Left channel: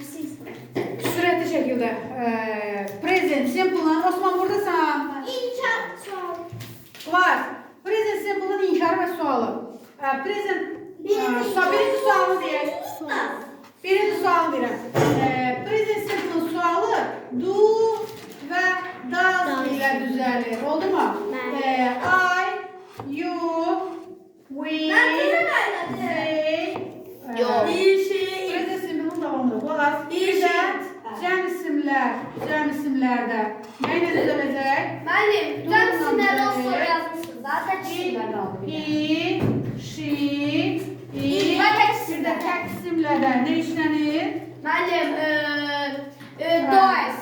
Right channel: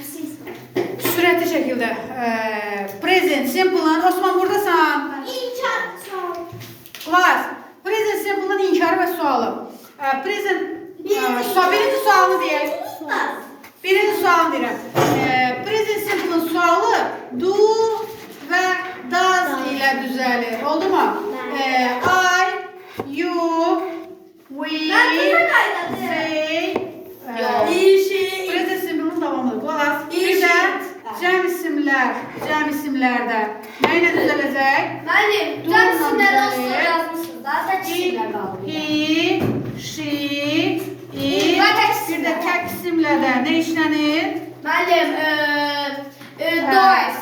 Sürətli şəkildə. Present simple-ın, Osman buradasan. Class. Present simple-ın inkarı və sualı. Birinci sualı deyək. Birinci sualı deyirəm. Present simple-ın sualı do və does ilə düzəlir. Oldu mu? I, you, we, they. Present simple-ın davamıdır. Class. Bir də cəm isimlərdə nə ilə düzələcək? Müəllim, cəm isimləri olsun yazmışsın. Zaten isimlər də aldım. He, she, it. Bir də tək isimlərdə nə işlənir? Müəllim, does.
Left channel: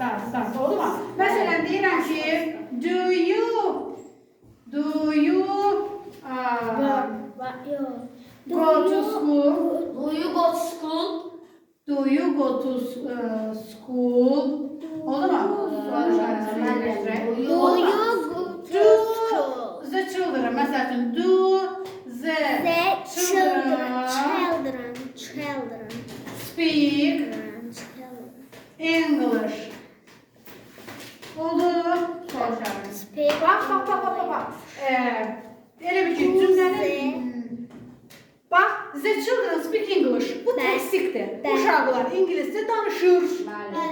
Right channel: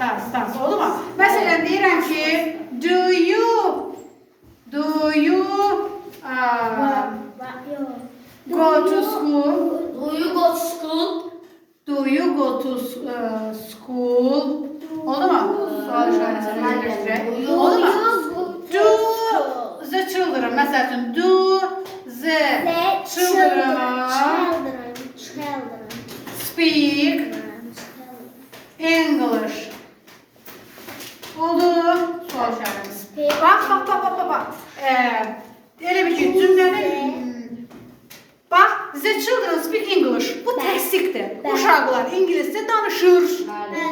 Das. Oldu mu? Məsələn, deyirəm ki, do you go to school? Do you go to school? Do you go to school? Oldu mu? Sual işarəsi. Oldu mu? Do the children. Məsələn, do the children speak English. Oldu. Sual işarəsi. Bax. Elə bir ki, cümlənin bax, the children speak English. Bu təsdiqdir. Uşaqlar ingiliscə danışır.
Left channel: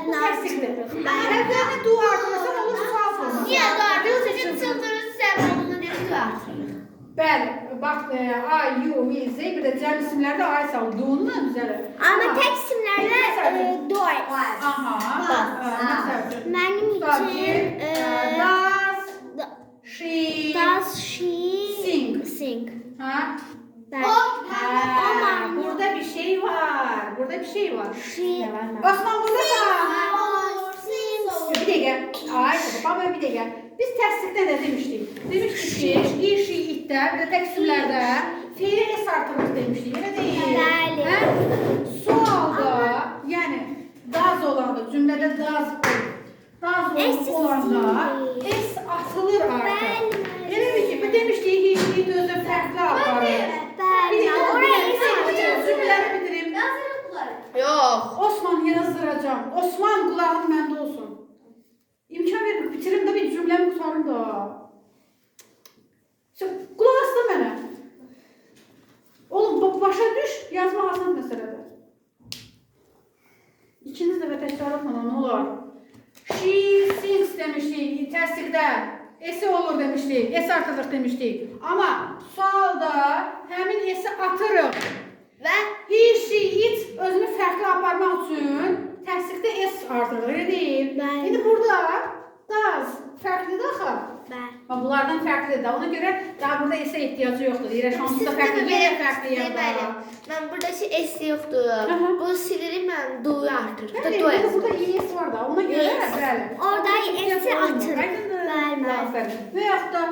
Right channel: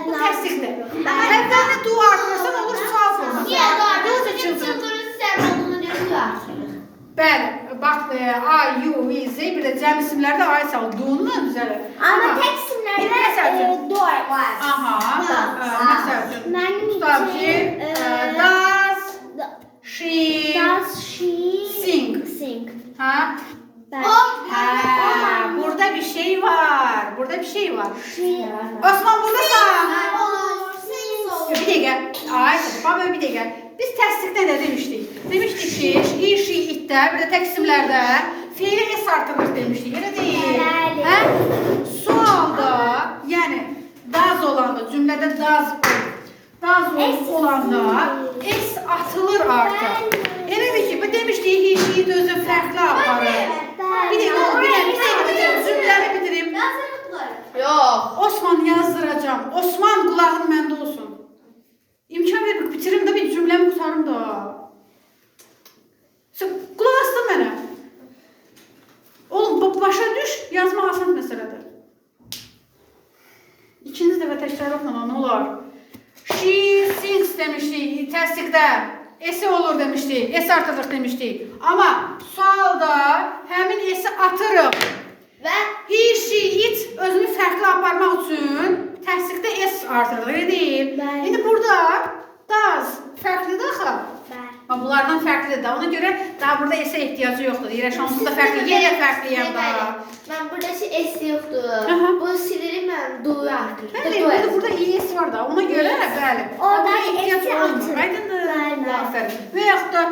Bu təsdiqdir. Əvvəldə do artırırsan olur sual forması. Do the children. Bəli, bax, I, you, we, they, bir də cəm isimlərdə I sal, do-nu düzəlir. Ama tek isimlerde does. Aha, məsəl üçün, tutab ki, does she sing? Ha? Burada bir şey var. Osman buradasan. Bir dəqiqə. Ay, baba bir dəqiqə. Biz təsdiqdə nə demişdik? Demişdik ki, he, she, itdə, bir də tək isimlərdə feili s artırılır demişdik. Elə deyil. Sualda, yəni does olanda, cümlədə does olanda s atılır artıq. Elə ki, bu demişdik, he, she, it özü fərqli aparır. Bir dəqiqə, cümlələri bitireyim. Yox. Osman yazdıracağım. Osman qulağın məndə olsun. İmkan ver, bitirim de bir cümlemi kurtarım da. Sen kulak astın mənə. Oğlum başa düş, yazmaq asan məsələdir. İkinci dəfə təkrar oxuna, nə olar? She sings demişdik, təsdiqdə. S olur demişdik, S artırıq demişdik. Amma sualda həmin S atırıq. Və he, she, it özünü fərqli aparmaq üçün təsdiqdə S artırıq, elə deyil. İndi burada does fərqlidir axı. Bunlardan fərqlidir. Ona görə daha burada S-ə ehtiyacı yoxdur. Deyirək, şanslı da fərqli, yenə fərqliyəm da. Mən buradaki S yoxdur. Bunu silirim, mən do-yu artırdım. Bəli, burada ES var da, ona görə bəli. Oradan S-i atır. Aydındır. Aferin. Və yaxud da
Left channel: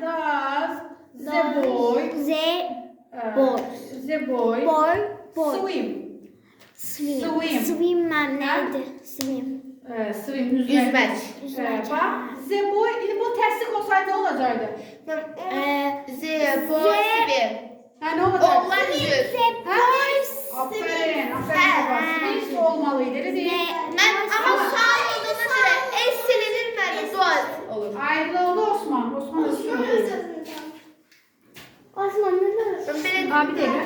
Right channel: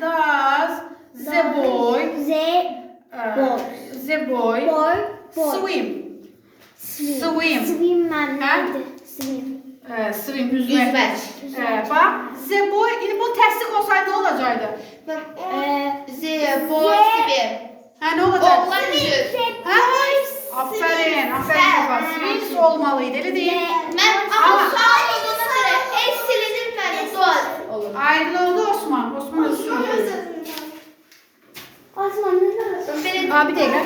does the boy swim. Swim neydi? Swim, yüzmək. Bax, the boy, indi bu təsdiq olsaydı nə olacaqdı? The boy swim. Hə, nə olacaqdı? Oğlan yüzür. Aferin. Swims olmalıydı, elə deyil. Ama sual olduğuna göre S silinir mi? Sual olur. Ayrıldı Osman. Osman özü. Osman ne lazım? Bir dəqiqə.